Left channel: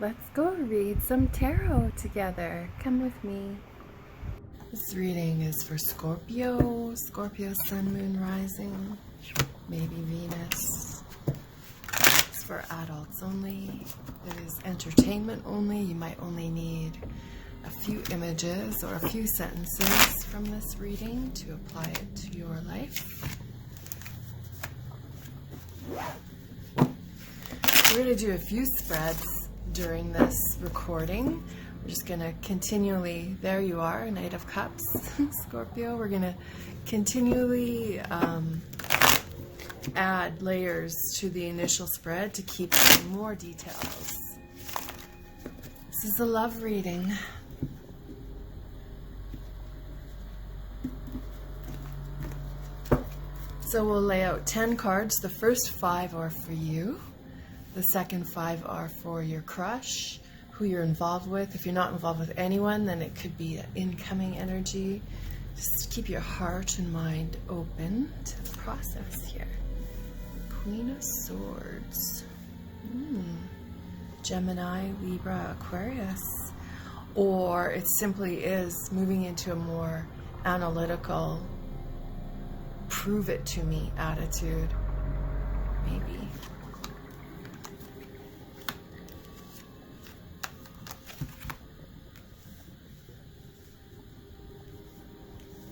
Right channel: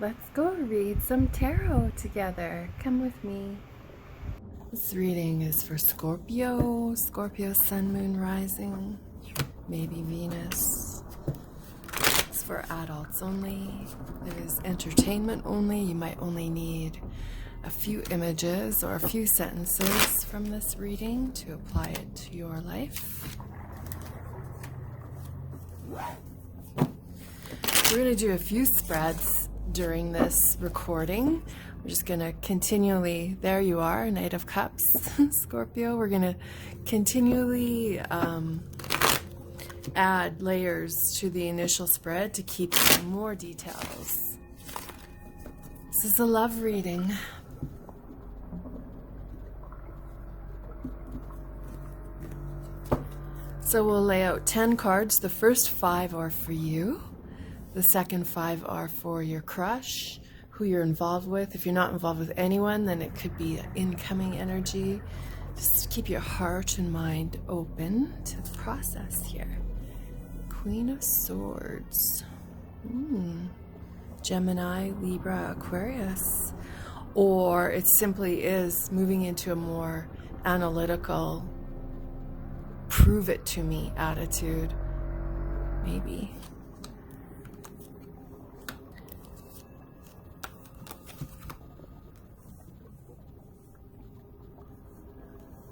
Let's go read some tarot together. Come with me. This reading is for Scorpio, Scorpio Sun, Moon, Rising, maybe Venus. It's for adults only. It is entertainment only. You might only need a few images or a few sentences from this reading to apply it to your life. We're going to do a few spreads during this recording. We're just going to continually, there you are, Knight of Cups, Scorpio. We're going to continually add layers to the initial spread to keep more details. This is a love reading. So we'll lay out 10 cards. The first 5 are for you. The second 5 are for your crush, who you're involved with. If you're not involved with anyone, then it could be incoming energy. Just keep your heart and mind open to the process here. Queen of Swords. Gemini, Libra, Aquarius. Or it simply is moving into a more analytical, prove it to me attitude. Maybe.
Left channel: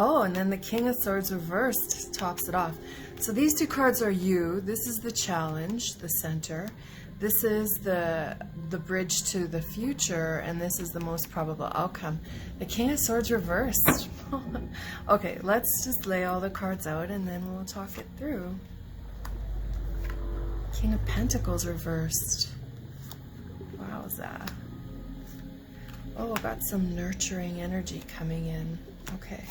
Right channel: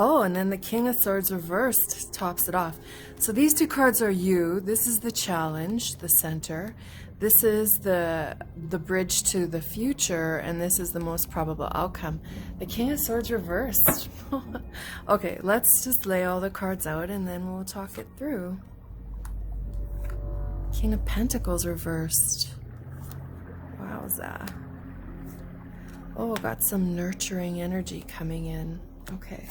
Oh, and then the King of Swords reversed tops it off. So these 2 cards are you. This is the challenge, the center. This is the bridge to the future, and this is the most probable outcome. The King of Swords reversed. Okay, let's just lay all the cards out and then we'll talk it through. King of Pentacles reversed. Wowza. Oh, got some nurturing energy coming in. Okay.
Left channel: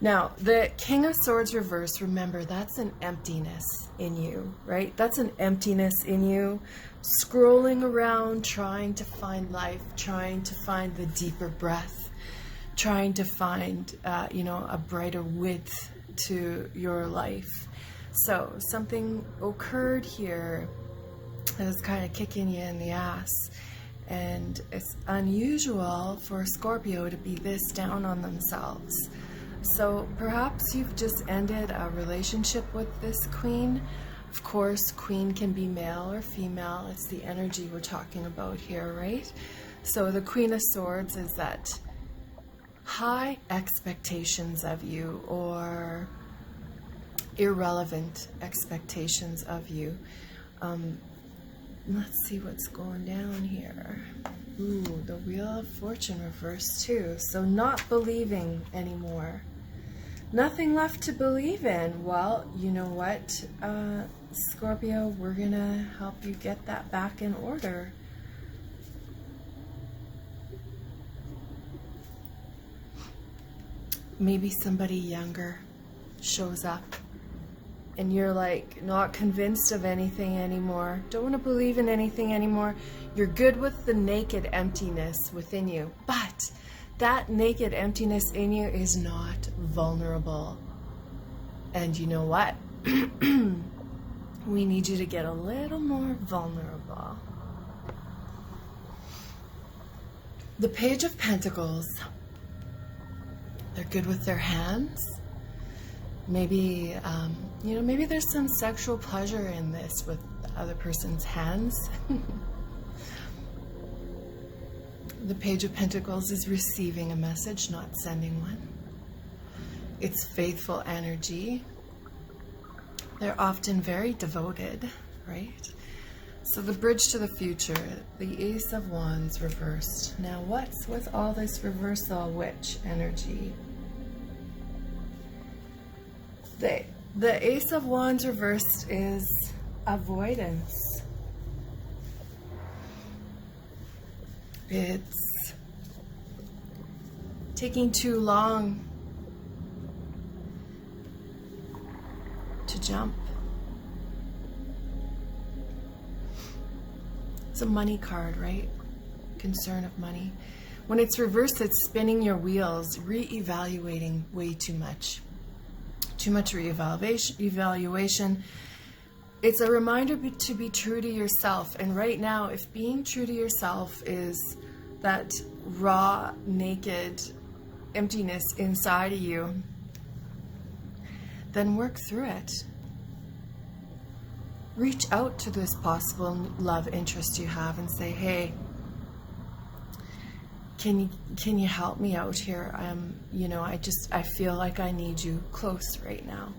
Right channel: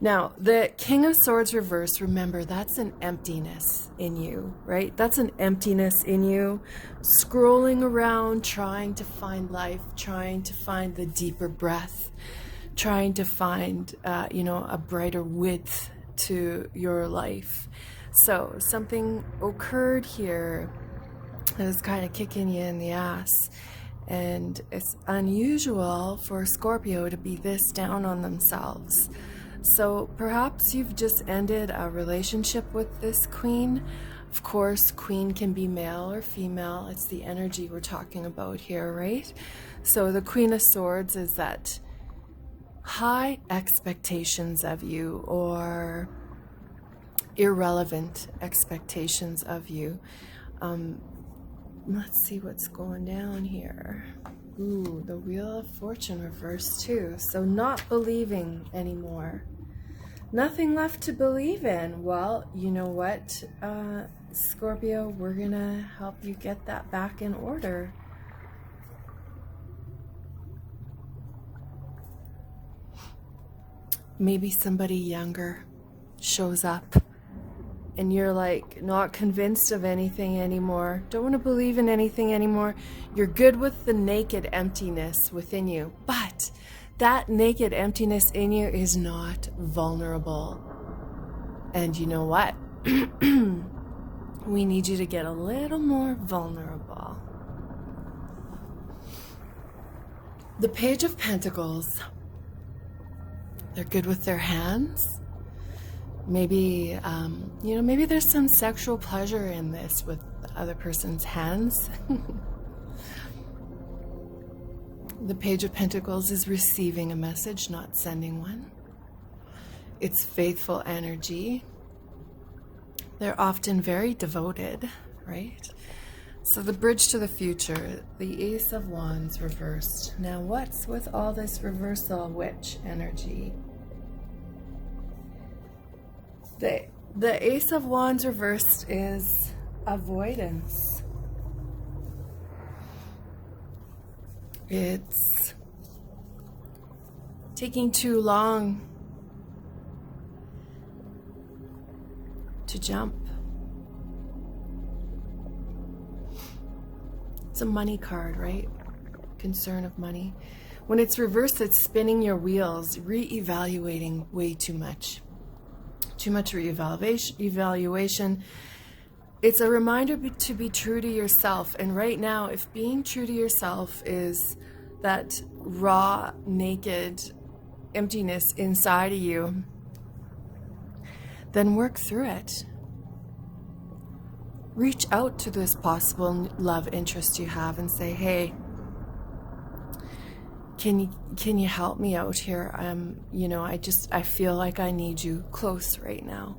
Now, the King of Swords reverse, remember, that's an emptiness in you, right? That's an emptiness in you, scrolling around, trying to find life, trying to find the deeper breath, trying to find, a brighter width to your life. So something occurred here that was kind of kicking you in the ass. And it's unusual for Scorpio to be this down on themselves. So perhaps you've just ended a relationship with this queen. Of course, queen can be male or female. It's the energy we're talking about here, right? So the Queen of Swords is that high expectations of you or irrelevant expectations of you. Let's see what's going down here. Ooh, the Wheel of Fortune reversed too. So not believing anymore. Nothing left to believe in. Well, you know what, Scorpio, we're gonna help you get that back in order. Maybe somebody younger shows up and you're like not convinced of anything anymore. Don't want to believe in anything anymore. You're good with the naked emptiness within you, but that naked emptiness in you is not vulnerable. And you know what? We need you to get a little more vulnerable. The Page of Pentacles. They're good with their hands. Maybe, maybe there's some sexual pleasure in this with the other person's hands. The Page of Pentacles is receiving a message, not sending one. It's faithful energy. They're often very devoted, right? So the bridge to the future, the Ace of Wands reversed. Now what's with all this reversal witch energy? The Ace of Wands reversed is avoidance. It's taking too long to jump. It's a money card, right? Concern of money. When it's reversed, it's spinning your wheels, re-evaluating, way too much. Too much re-evaluation, it's a reminder to be true to yourself. And right now, if being true to yourself is that raw, naked emptiness inside of you, then work through it. Reach out to this possible love interest you have and say, hey, can you help me out here? You know, I feel like I need you close right now.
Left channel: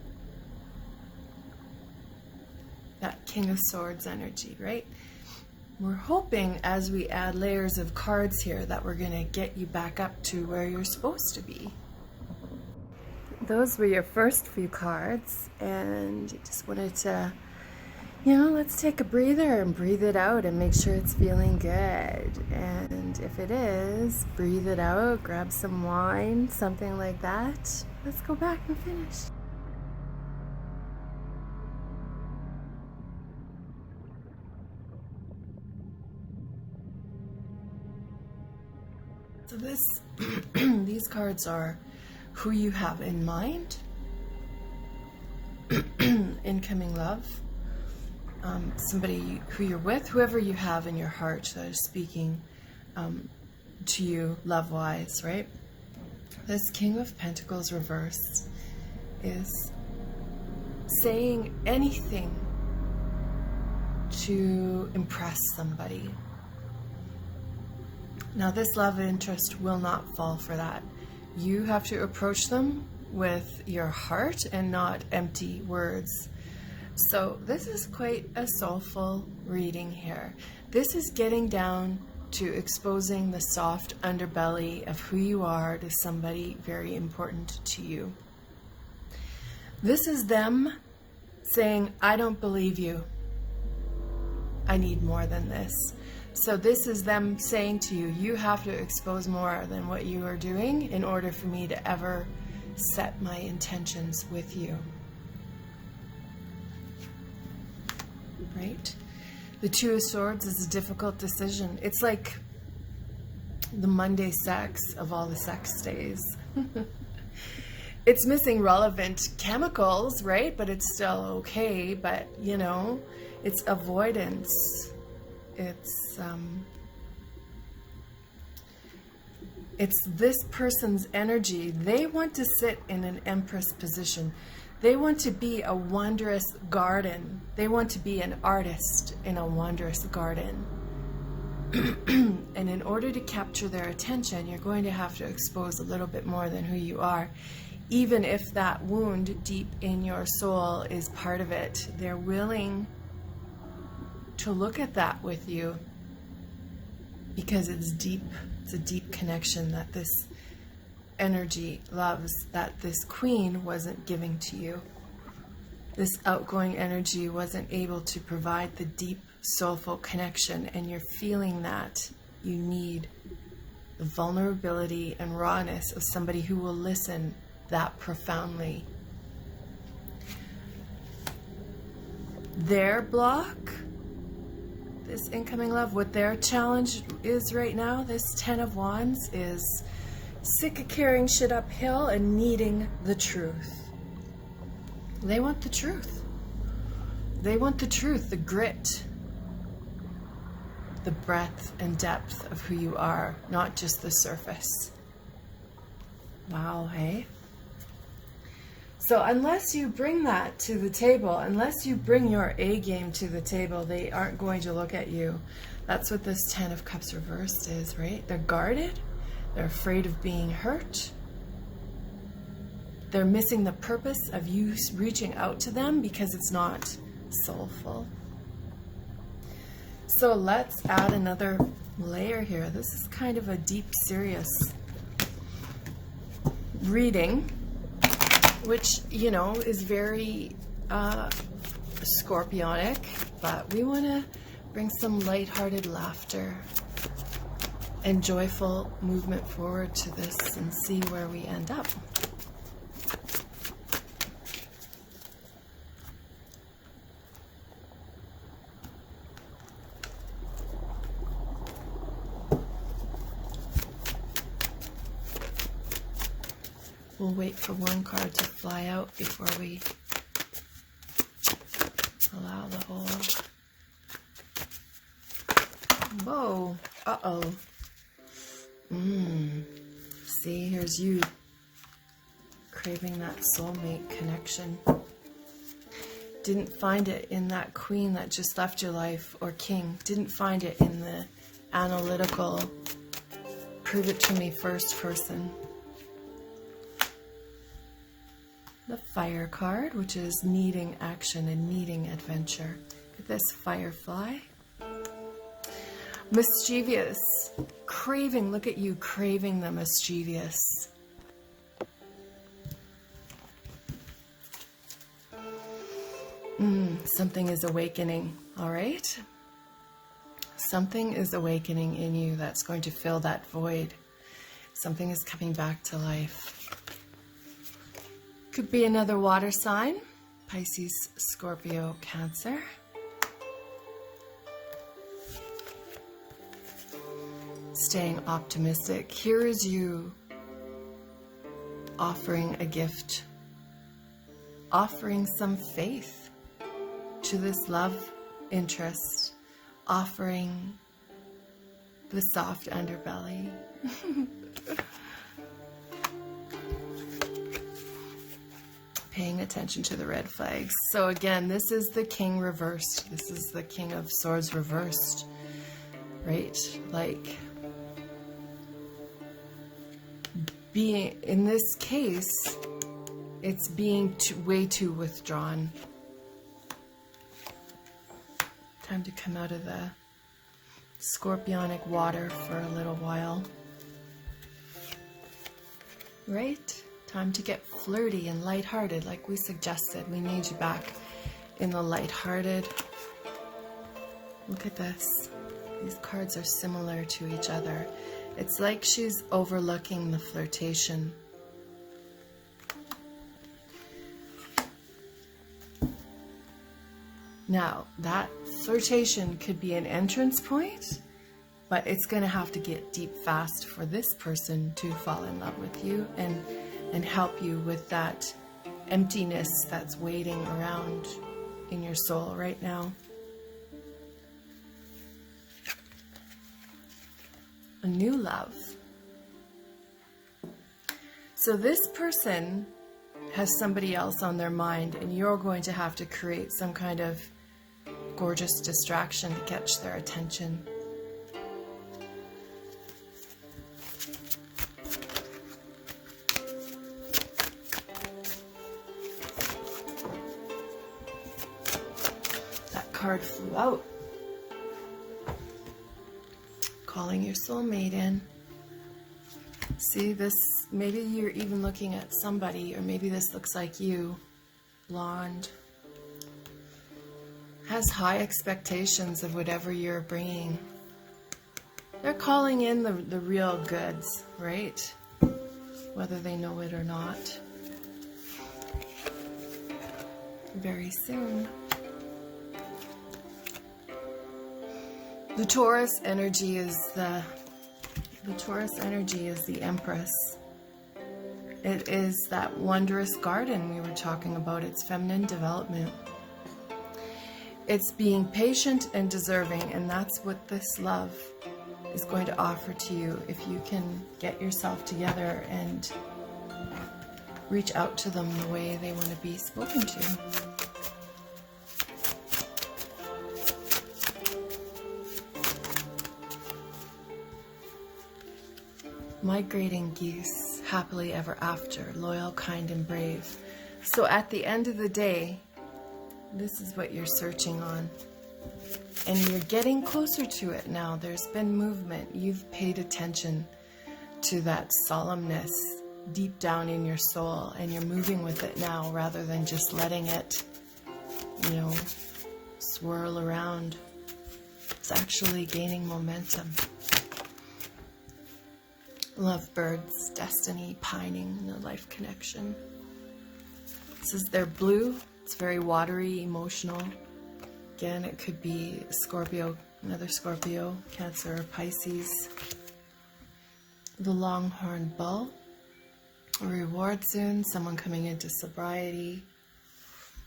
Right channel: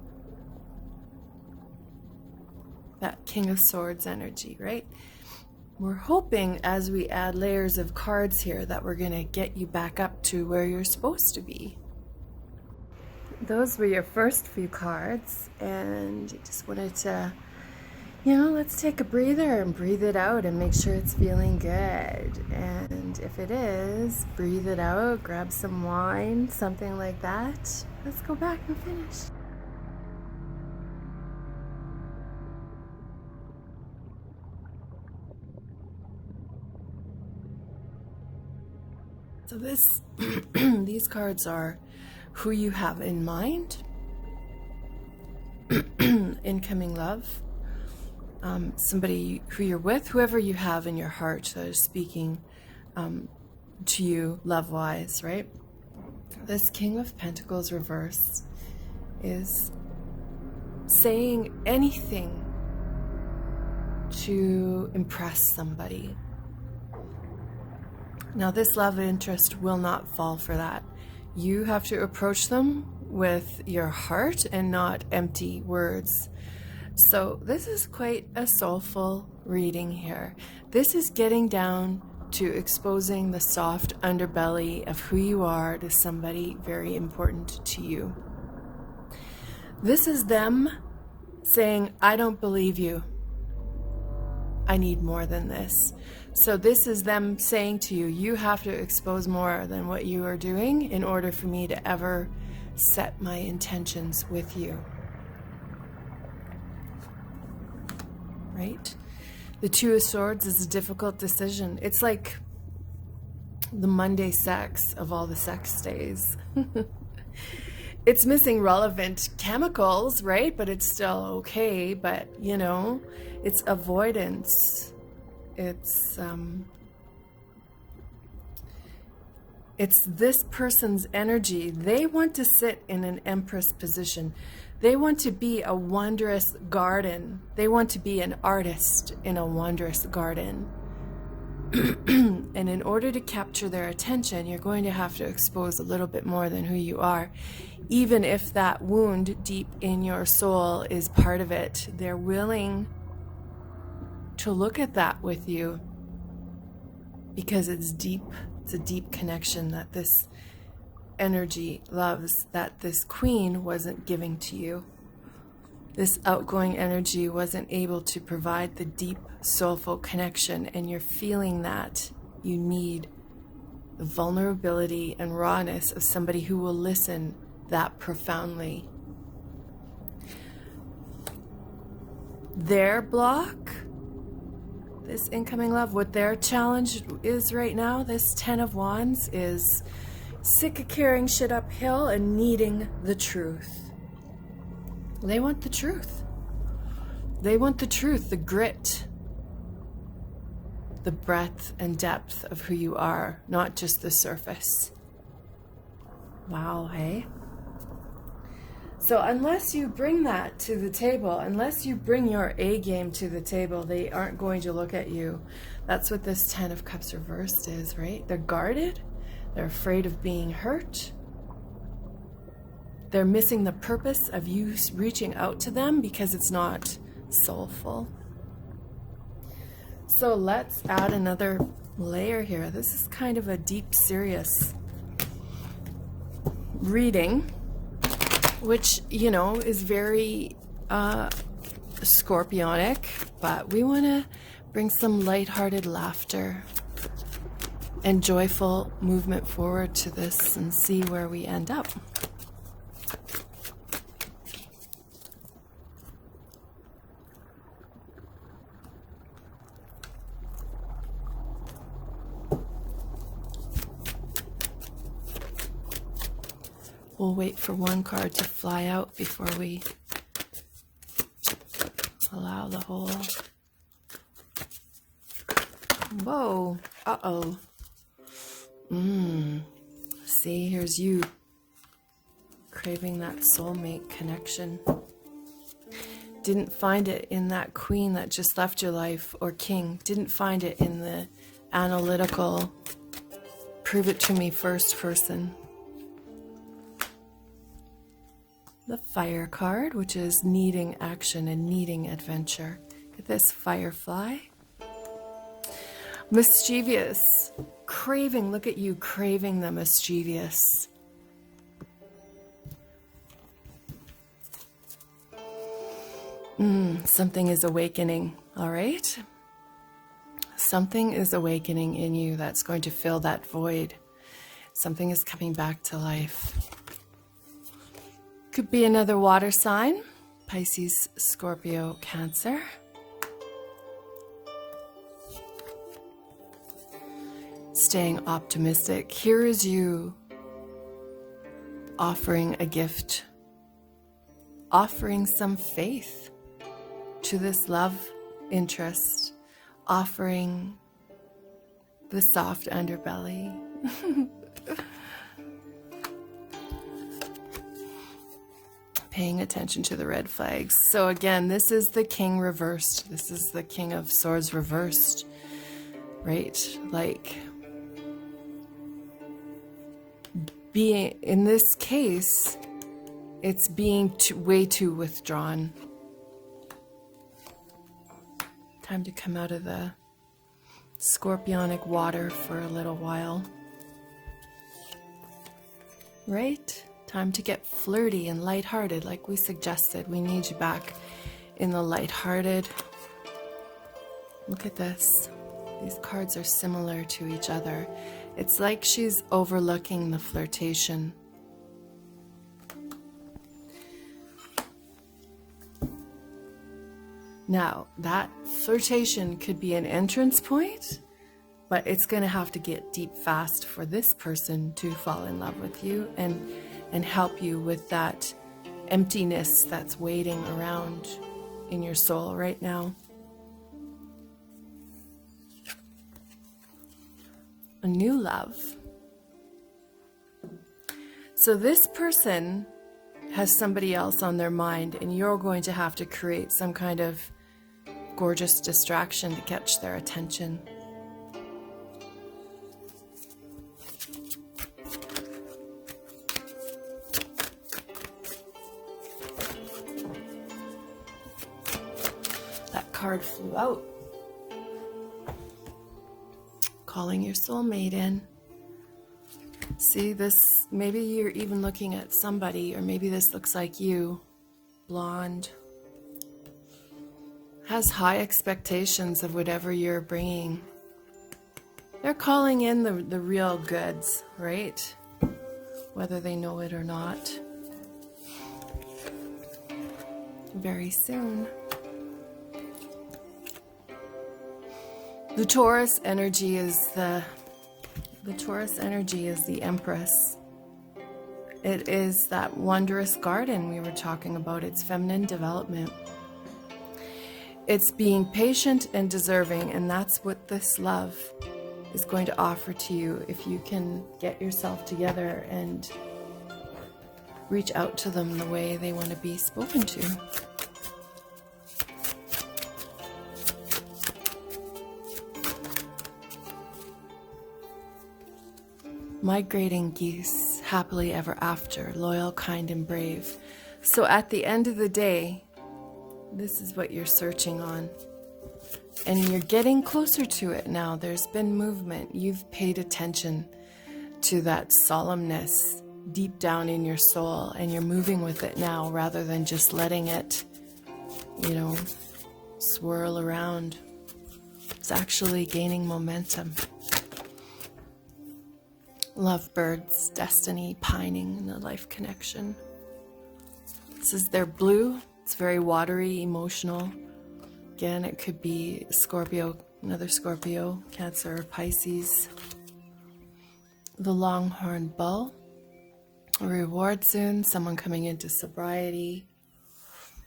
That King of Swords energy, right? We're hoping as we add layers of cards here that we're gonna get you back up to where you're supposed to be. Those were your first few cards, and just wanted to, you know, let's take a breather and breathe it out and make sure it's feeling good. And if it is, breathe it out, grab some wine, something like that. Let's go back and finish. So these cards are who you have in mind, incoming love, somebody who you're with, whoever you have in your heart that is speaking to you love-wise, right? This King of Pentacles reverse is saying anything to impress somebody. Now, this love interest will not fall for that. You have to approach them with your heart and not empty words. So this is quite a soulful reading here. This is getting down to exposing the soft underbelly of who you are to somebody very important to you. This is them saying, I don't believe you. I need more than this. So this is them saying to you, you have to expose more than what you are doing in order for me to ever set my intentions with you. Right? The Two of Swords is a difficult decision. It's like the Monday sex of all the sex days. It's missing relevant chemicals, right? But it's still okay. But, you know, it's avoidance. It's this person's energy. They want to sit in an empress position. They want to be a wondrous garden. They want to be an artist in a wondrous garden. And in order to capture their attention, you're going to have to expose a little bit more than who you are. Even if that wound deep in your soul is part of it, they're willing to look at that with you because it's deep. It's a deep connection that this energy loves, that this queen wasn't giving to you. This outgoing energy wasn't able to provide the deep soulful connection, and you're feeling that you need the vulnerability and rawness of somebody who will listen that profoundly. Their block, this incoming love, what their challenge is right now, this 10 of Wands, is sick of carrying shit uphill and needing the truth. They want the truth. They want the truth, the grit, the breadth and depth of who you are, not just the surface. Wow, hey? So unless you bring that to the table, unless you bring your A game to the table, they aren't going to look at you. That's what this 10 of Cups reversed is, right? They're guarded. They're afraid of being hurt. They're missing the purpose of you reaching out to them because it's not soulful. So let's add another layer here. This is kind of a deep, serious reading, which, you know, is very scorpionic, but we want to bring some lighthearted laughter and joyful movement forward to this and see where we end up. We'll wait for one card to fly out before we Allow the whole... Whoa. Uh-oh. See, here's you craving that soulmate connection. Didn't find it in that queen that just left your life, or king. Didn't find it in the analytical, prove it to me first person. The fire card, which is needing action and needing adventure. Look at this firefly. Mischievous. Craving. Look at you craving the mischievous. Something is awakening, all right? Something is awakening in you that's going to fill that void. Something is coming back to life. Could be another water sign. Pisces, Scorpio, Cancer. Staying optimistic. Here is you offering a gift, offering some faith to this love interest, offering the soft underbelly. Paying attention to the red flags. So again, this is the king reversed. This is the king of swords reversed, right? Like, being, in this case, it's being way too withdrawn. Time to come out of the scorpionic water for a little while. Right? Time to get flirty and lighthearted, like we suggested. We need you back in the lighthearted. Look at this. These cards are similar to each other. It's like she's overlooking the flirtation. Now, that flirtation could be an entrance point, but it's going to have to get deep fast for this person to fall in love with you and help you with that emptiness that's waiting around in your soul right now. A new love. So this person has somebody else on their mind, and you're going to have to create some kind of gorgeous distraction to catch their attention. That card flew out. Calling your soulmate in. See this, maybe you're even looking at somebody, or maybe this looks like you, blonde, has high expectations of whatever you're bringing. They're calling in the real goods, right? Whether they know it or not. Very soon. The Taurus energy is the Empress. It is that wondrous garden we were talking about. It's feminine development. It's being patient and deserving, and that's what this love is going to offer to you if you can get yourself together and reach out to them the way they want to be spoken to. Migrating geese, happily ever after, loyal, kind, and brave. So at the end of the day, this is what you're searching on. And you're getting closer to it now. There's been movement. You've paid attention to that solemnness deep down in your soul, and you're moving with it now rather than just letting it, swirl around. It's actually gaining momentum. Lovebirds, destiny, pining, and a life connection. This is their blue. It's very watery, emotional. Again, it could be Scorpio, another Scorpio, Cancer, or Pisces. The longhorn bull. A reward soon. Someone coming into sobriety.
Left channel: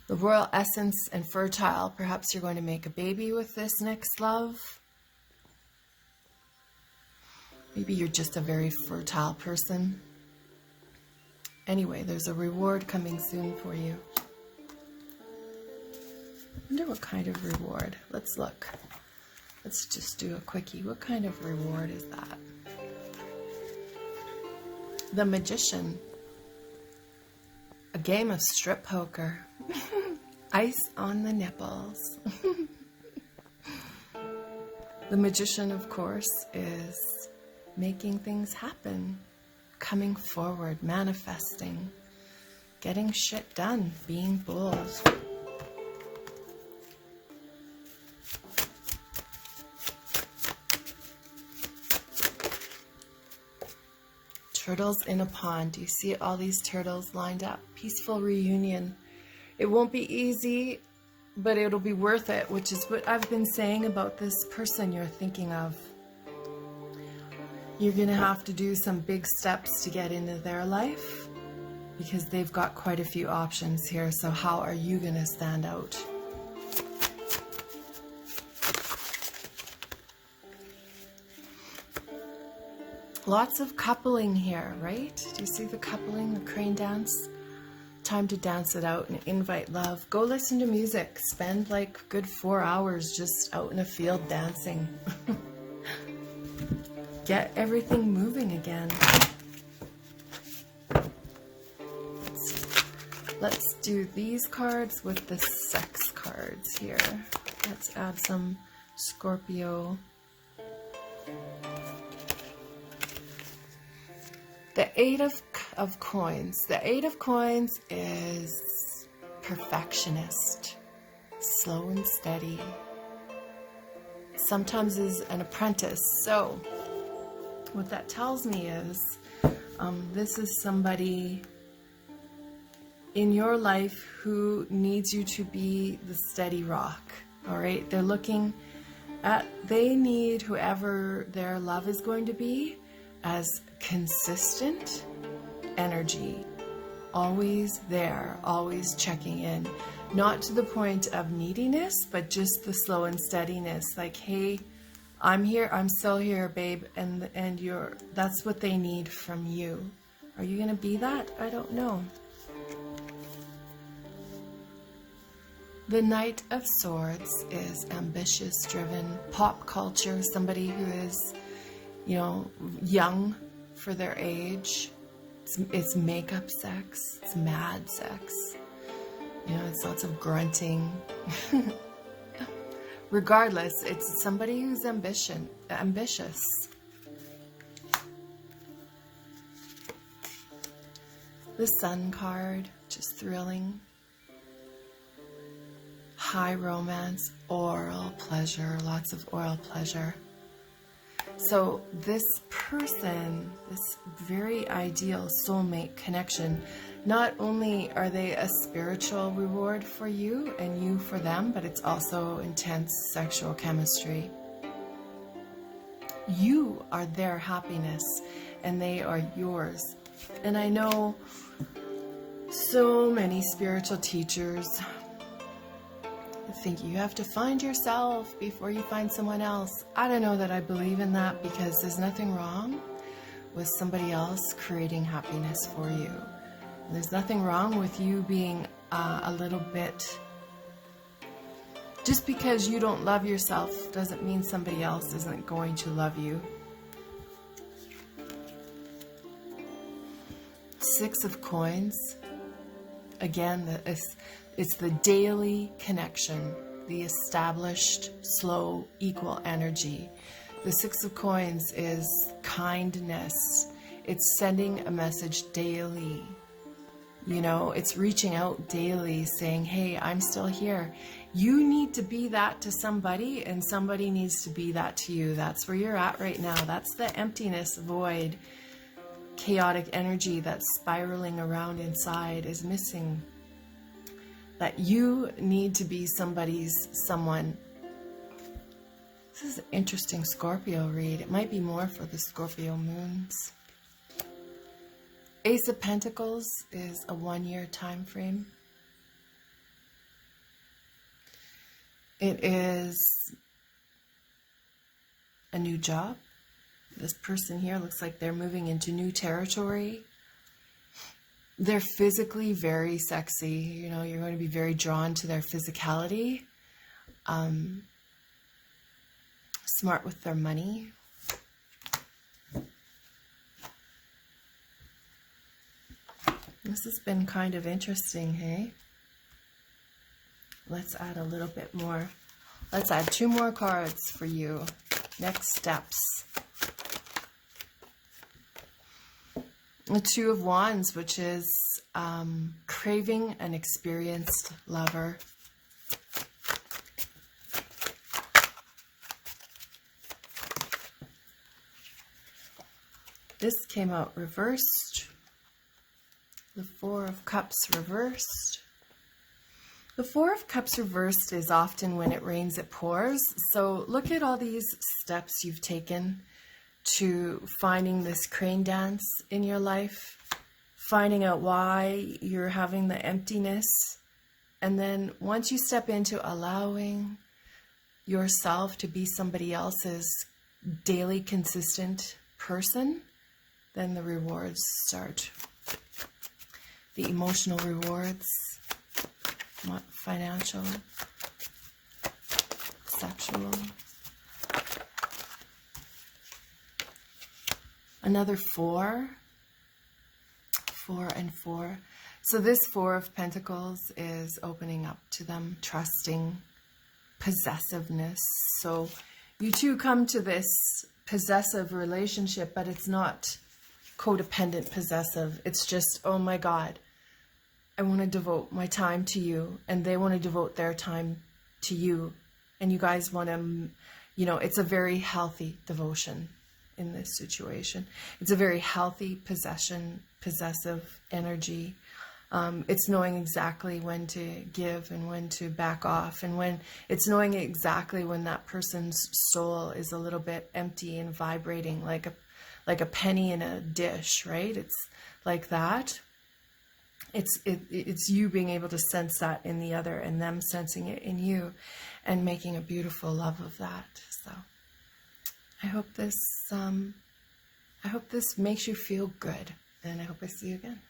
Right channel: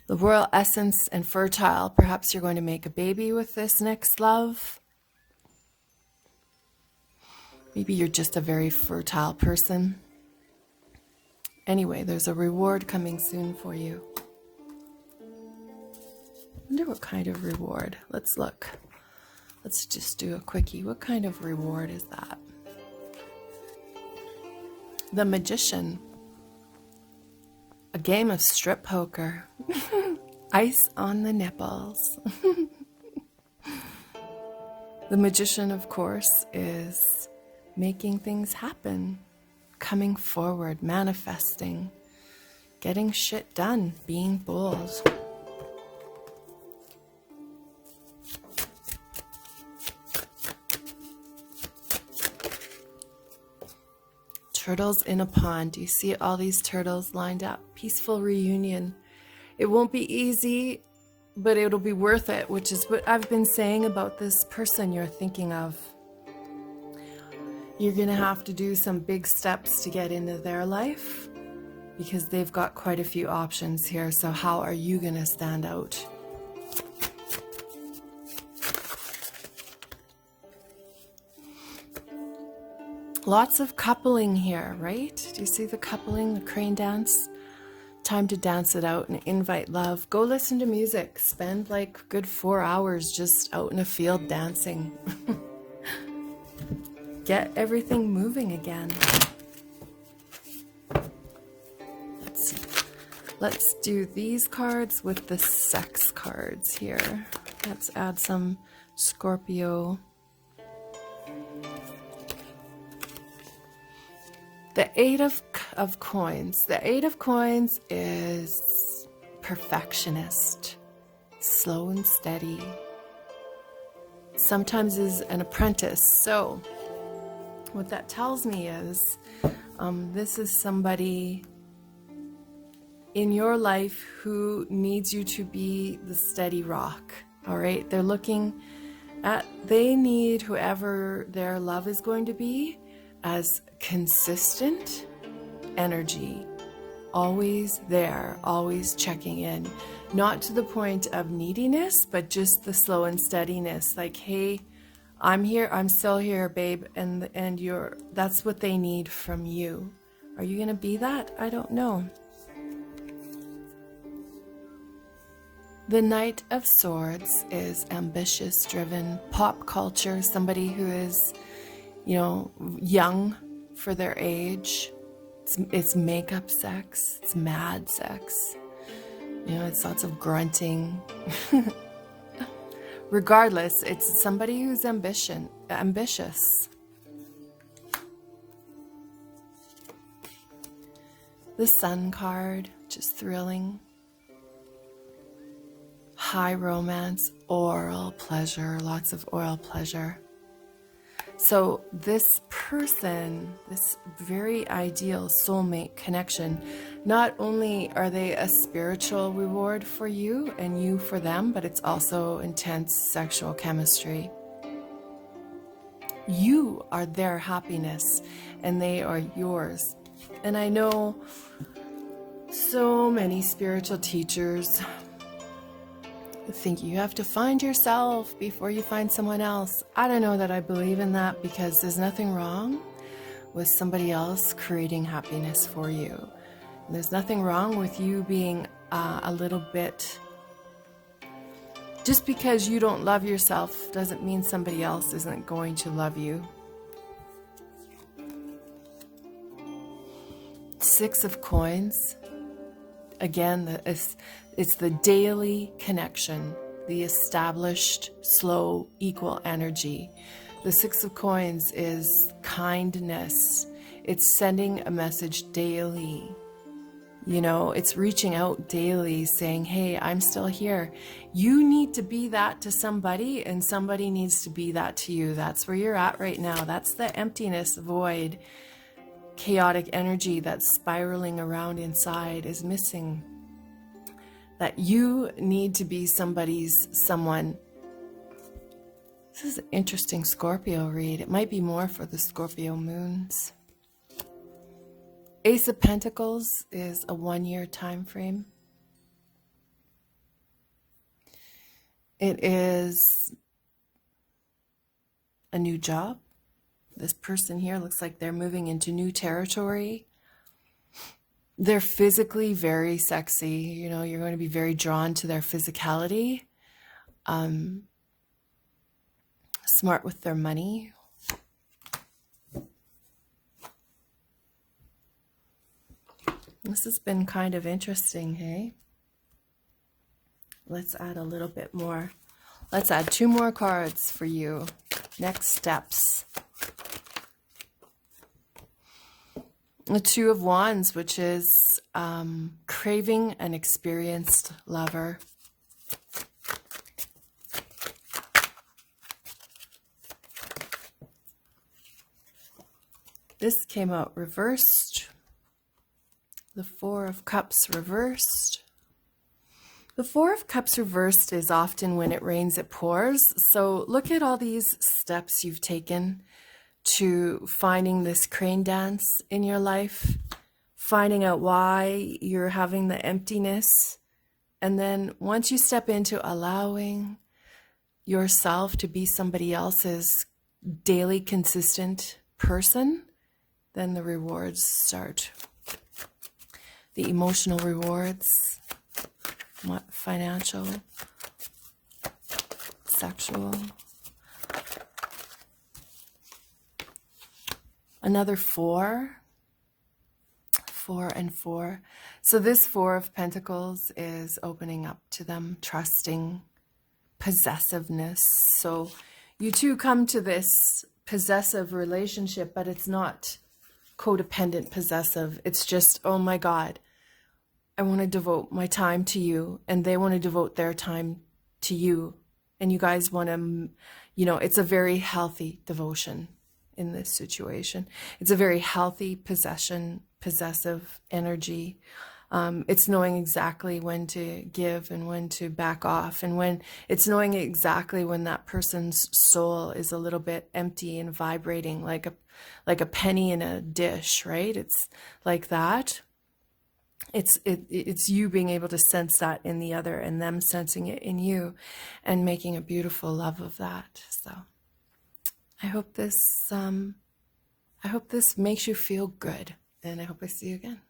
The royal essence and fertile. Perhaps you're going to make a baby with this next love. Maybe you're just a very fertile person. Anyway, there's a reward coming soon for you. I wonder what kind of reward. Let's look. Let's just do a quickie. What kind of reward is that? The Magician. A game of strip poker. Ice on the nipples. The Magician, of course, is making things happen. Coming forward, manifesting. Getting shit done. Being bold. Turtles in a pond. Do you see all these turtles lined up? Peaceful reunion. It won't be easy, but it'll be worth it, which is what I've been saying about this person you're thinking of. You're going to have to do some big steps to get into their life because they've got quite a few options here. So how are you going to stand out? Lots of coupling here, right? Do you see the coupling, the crane dance? Time to dance it out and invite love. Go listen to music. Spend like a good 4 hours just out in a field dancing. Get everything moving again. Let's do these cards with the sex cards here. Let's add some Scorpio. The Eight of Coins. The Eight of Coins is perfectionist, slow and steady. Sometimes is an apprentice. So what that tells me is this is somebody in your life who needs you to be the steady rock. All right. They're looking at, they need whoever their love is going to be as consistent energy, always there, always checking in, not to the point of neediness, but just the slow and steadiness. Like, hey, I'm here, I'm still here, babe, and you're, that's what they need from you. Are you gonna be that? I don't know. The Knight of Swords is ambitious, driven, pop culture, somebody who is, you know, young for their age. It's makeup sex, it's mad sex. You know, it's lots of grunting. Regardless, it's somebody who's ambitious. The Sun card, just thrilling. High romance, oral pleasure, lots of oral pleasure. So this person, this very ideal soulmate connection, not only are they a spiritual reward for you and you for them, but it's also intense sexual chemistry. You are their happiness and they are yours. And I know so many spiritual teachers think you have to find yourself before you find someone else. I don't know that I believe in that, because there's nothing wrong with somebody else creating happiness for you. There's nothing wrong with you being a little bit... Just because you don't love yourself doesn't mean somebody else isn't going to love you. Six of Coins. Again, it's the daily connection, the established, slow, equal energy. The Six of Coins is kindness. It's sending a message daily. You know, it's reaching out daily saying, hey, I'm still here. You need to be that to somebody, and somebody needs to be that to you. That's where you're at right now. That's the emptiness, void, chaotic energy that's spiraling around inside is missing. That you need to be somebody's someone. This is an interesting Scorpio read. It might be more for the Scorpio moons. Ace of Pentacles is a 1-year time frame. It is a new job. This person here looks like they're moving into new territory. They're physically very sexy. You know, you're going to be very drawn to their physicality. Smart with their money. This has been kind of interesting, hey? Let's add a little bit more. Let's add 2 more cards for you. Next steps. The 2 of Wands, which is craving an experienced lover. This came out reversed. The 4 of Cups reversed. The 4 of Cups reversed is often when it rains, it pours. So look at all these steps you've taken to finding this crane dance in your life, finding out why you're having the emptiness. And then once you step into allowing yourself to be somebody else's daily consistent person, then the rewards start. The emotional rewards, financial, sexual. Another 4, 4 and 4. So this 4 of Pentacles is opening up to them, trusting, possessiveness. So you two come to this possessive relationship, but it's not codependent possessive. It's just, oh my God, I want to devote my time to you, and they want to devote their time to you. And you guys want to, you know, it's a very healthy devotion in this situation. It's a very healthy possessive energy. It's knowing exactly when to give and when to back off, and when it's knowing exactly when that person's soul is a little bit empty and vibrating like a penny in a dish, right? It's like that. It's you being able to sense that in the other, and them sensing it in you, and making a beautiful love of that. So I hope this makes you feel good, and I hope I see you again.